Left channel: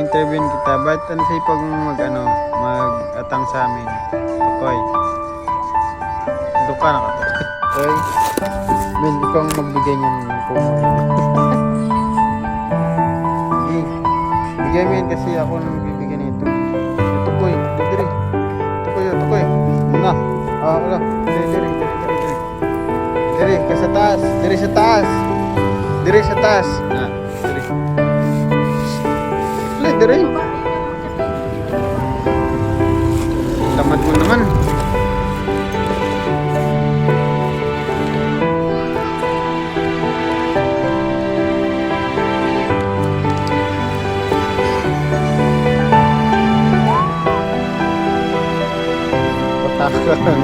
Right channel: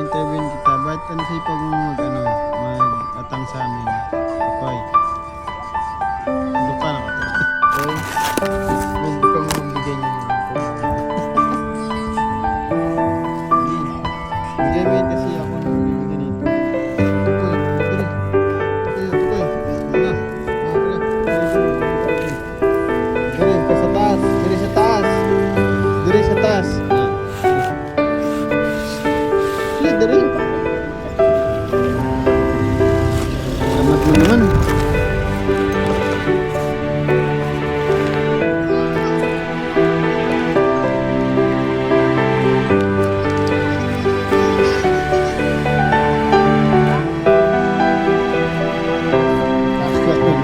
interview kita. Ba't ano sipag mo mag-atang sa amin? Okay. Duka na ka to. Okay. Ben, kang magbigay niya ng po. Sige. Bigay mo yan kasi ako nang bibigyan nito. Ito ko eh. Diri. Ito ko eh. Nga. Wala. Diri. Diri, ka sa taas. Diri sa taas. Diri sa taas. Diri. Diri. Tamad mo naman. Patakot.